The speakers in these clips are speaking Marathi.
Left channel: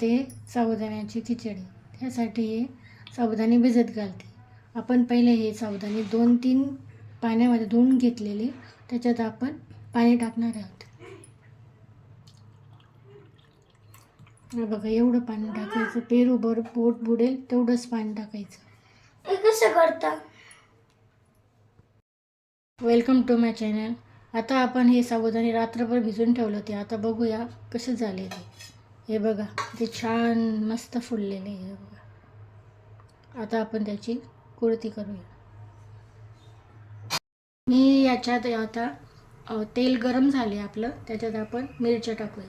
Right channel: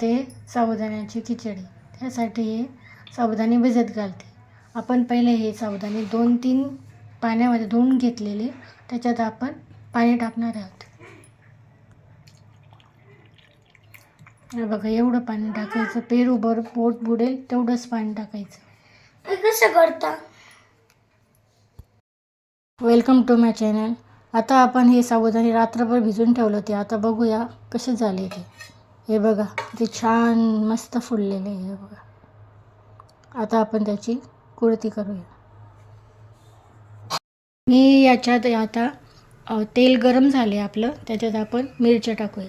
ते साबुदाण्याची खिचडी, त्यासाठी हे साबुदाणे भिजत घालते. आपण पहिले हे साबुदाणे 2-3 पाण्यामध्ये धुवून घेतलेले, त्याच्यात आपण पाणी टाकणार आहोत. हे बघा, एवढं पाणी टाकायचं, पेरूभर पोट बुडेल तेवढंच पाणी टाकायचं. हे कसं करता? Welcome to my channel. आता आपण हे साबुदाणे रात्रभर भिजून ठेवलं होते. आता बघूया कसे झाले ते. हे बघा, ते छान मस्त फुललेले आहे. हे बघा, आता आपण त्याची कुळती करूया. मी याच्यात आता तेल गरम झाले आपलं, त्याच्यात आपण मिरच्या टाकूया.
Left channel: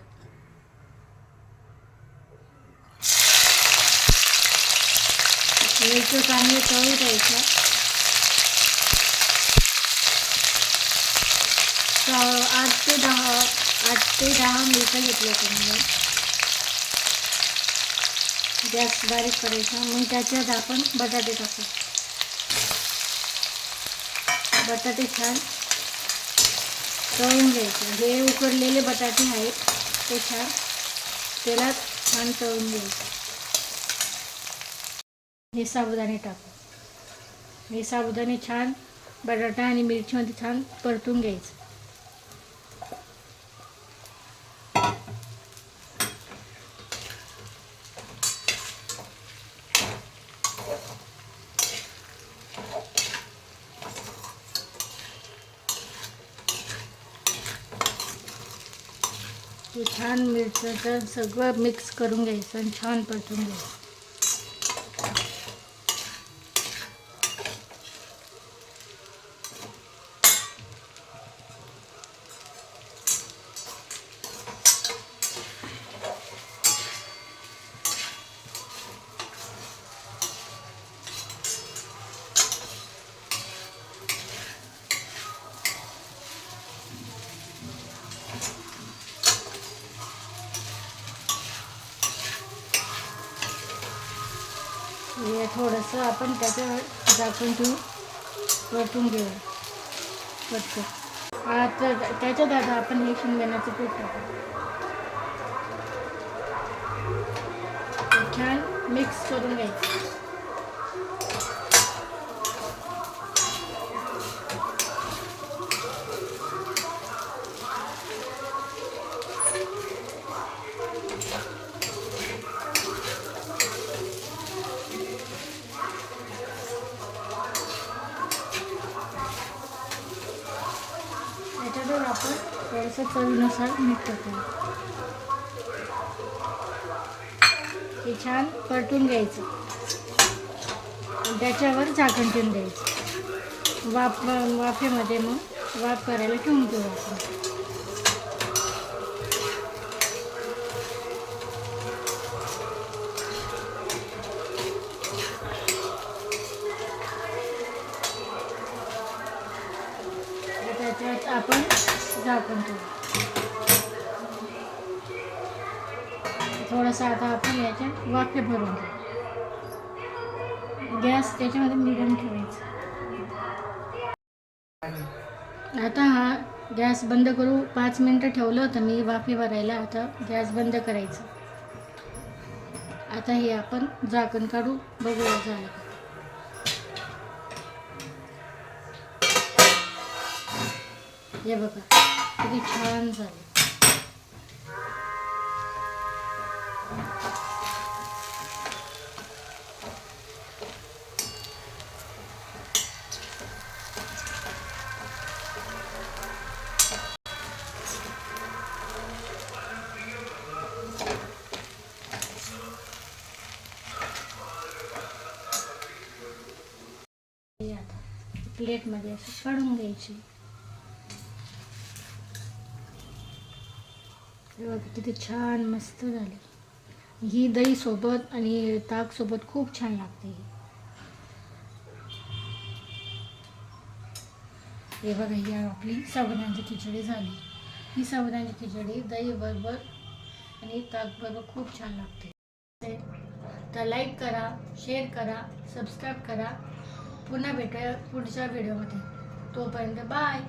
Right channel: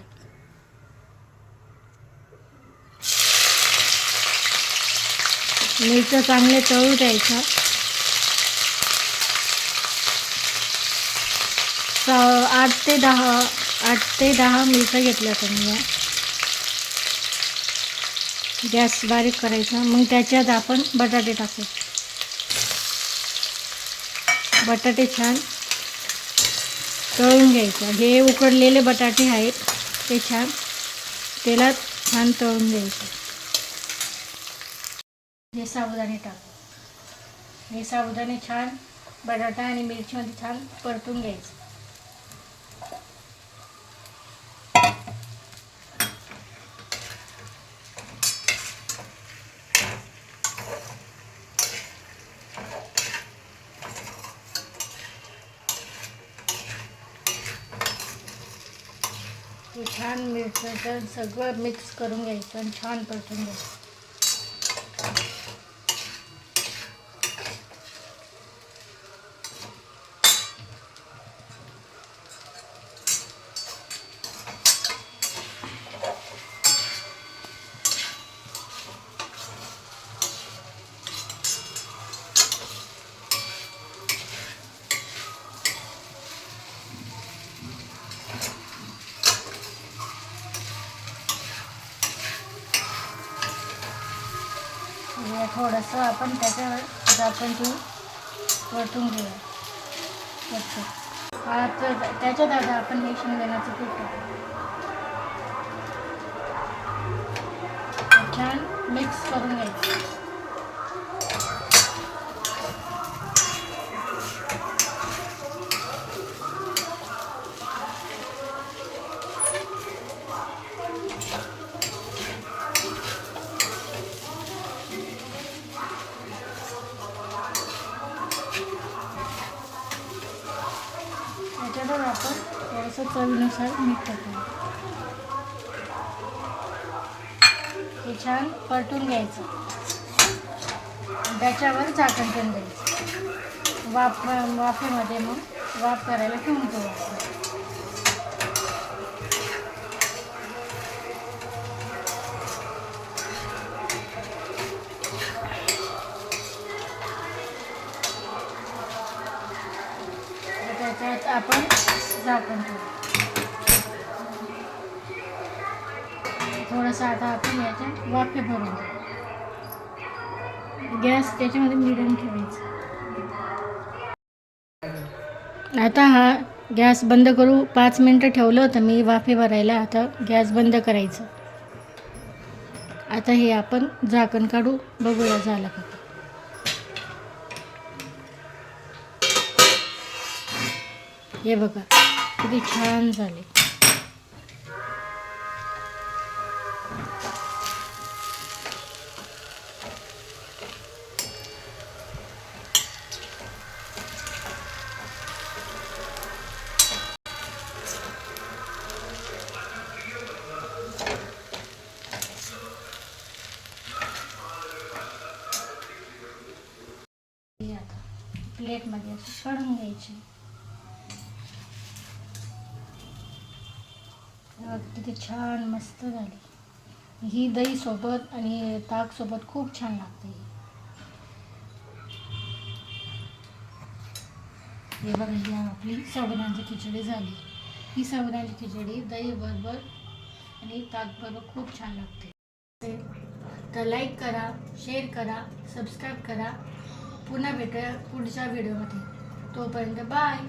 मिरच्या चांगल्या तळू द्यायच्या. 8 ते 10 मिरच्या घेतल्या समजा. गॅस बारीक करायचा. मग त्याच्यात आपण बटाटे टाकू. बटाटे छान तळून घ्यायचे. हे उकडलेले बटाटे आहेत, ते छान तेलात छान तळून घ्यायचे. हे साबुदाणे टाकू. हे साबुदाणे छान बटाटा आणि मिरचीमध्ये छान परतून घ्यायचं. हे छान मिरचीचं सगळं मिक्स करून घ्यायचं आणि छान परतून घ्यायचं. थोडंसं आपण त्याच्यावर झाकण ठेवून परतून घेऊया. त्याच्यात आता आपण हे शेंगदाण्याचं पीठ टाकू. छान मिक्स करून घ्यायचं. त्याच्यावर आपण थोडंसं चवीनुसार मीठ टाकू. हे छान परतून घ्यायचं आणि त्याच्यावर झाकण ठेवून द्यायचं. वाफेमध्ये मग वाफ करायला ठेवून द्यायचं. त्याच्यात आपण झाकण ठेवू. थोडंसं आता आपण याच्यात वाफे भरून घेऊ. गॅस त्याच्यामध्ये मिडियम ठेवायचा. आता हा गॅस बंद करू. 5 मिनटं ठेवलं होतं मी वाफे भरायला. आता गॅस बंद करायचं. आता हे आपण झाकण काढू, बघूया झालं का. हे बघा, किती छान झाले. आता प्लेटमध्ये असं काढून घ्यायची. किती छान मस्त झाली. ही दही सोबत आणि ताक सोबत खूप छान लागते. हे बघा, ही आपली साबुदाण्याची खिचडी झाली. ही साबुदाण्याची खिचडी दही बरोबर आणि ताक बरोबर खूप छान लागते. तर लाईक करा, शेअर करा, सबस्क्राईब करा. पुन्हा भेटूया पुढच्या व्हिडिओमध्ये. तोपर्यंत बाय.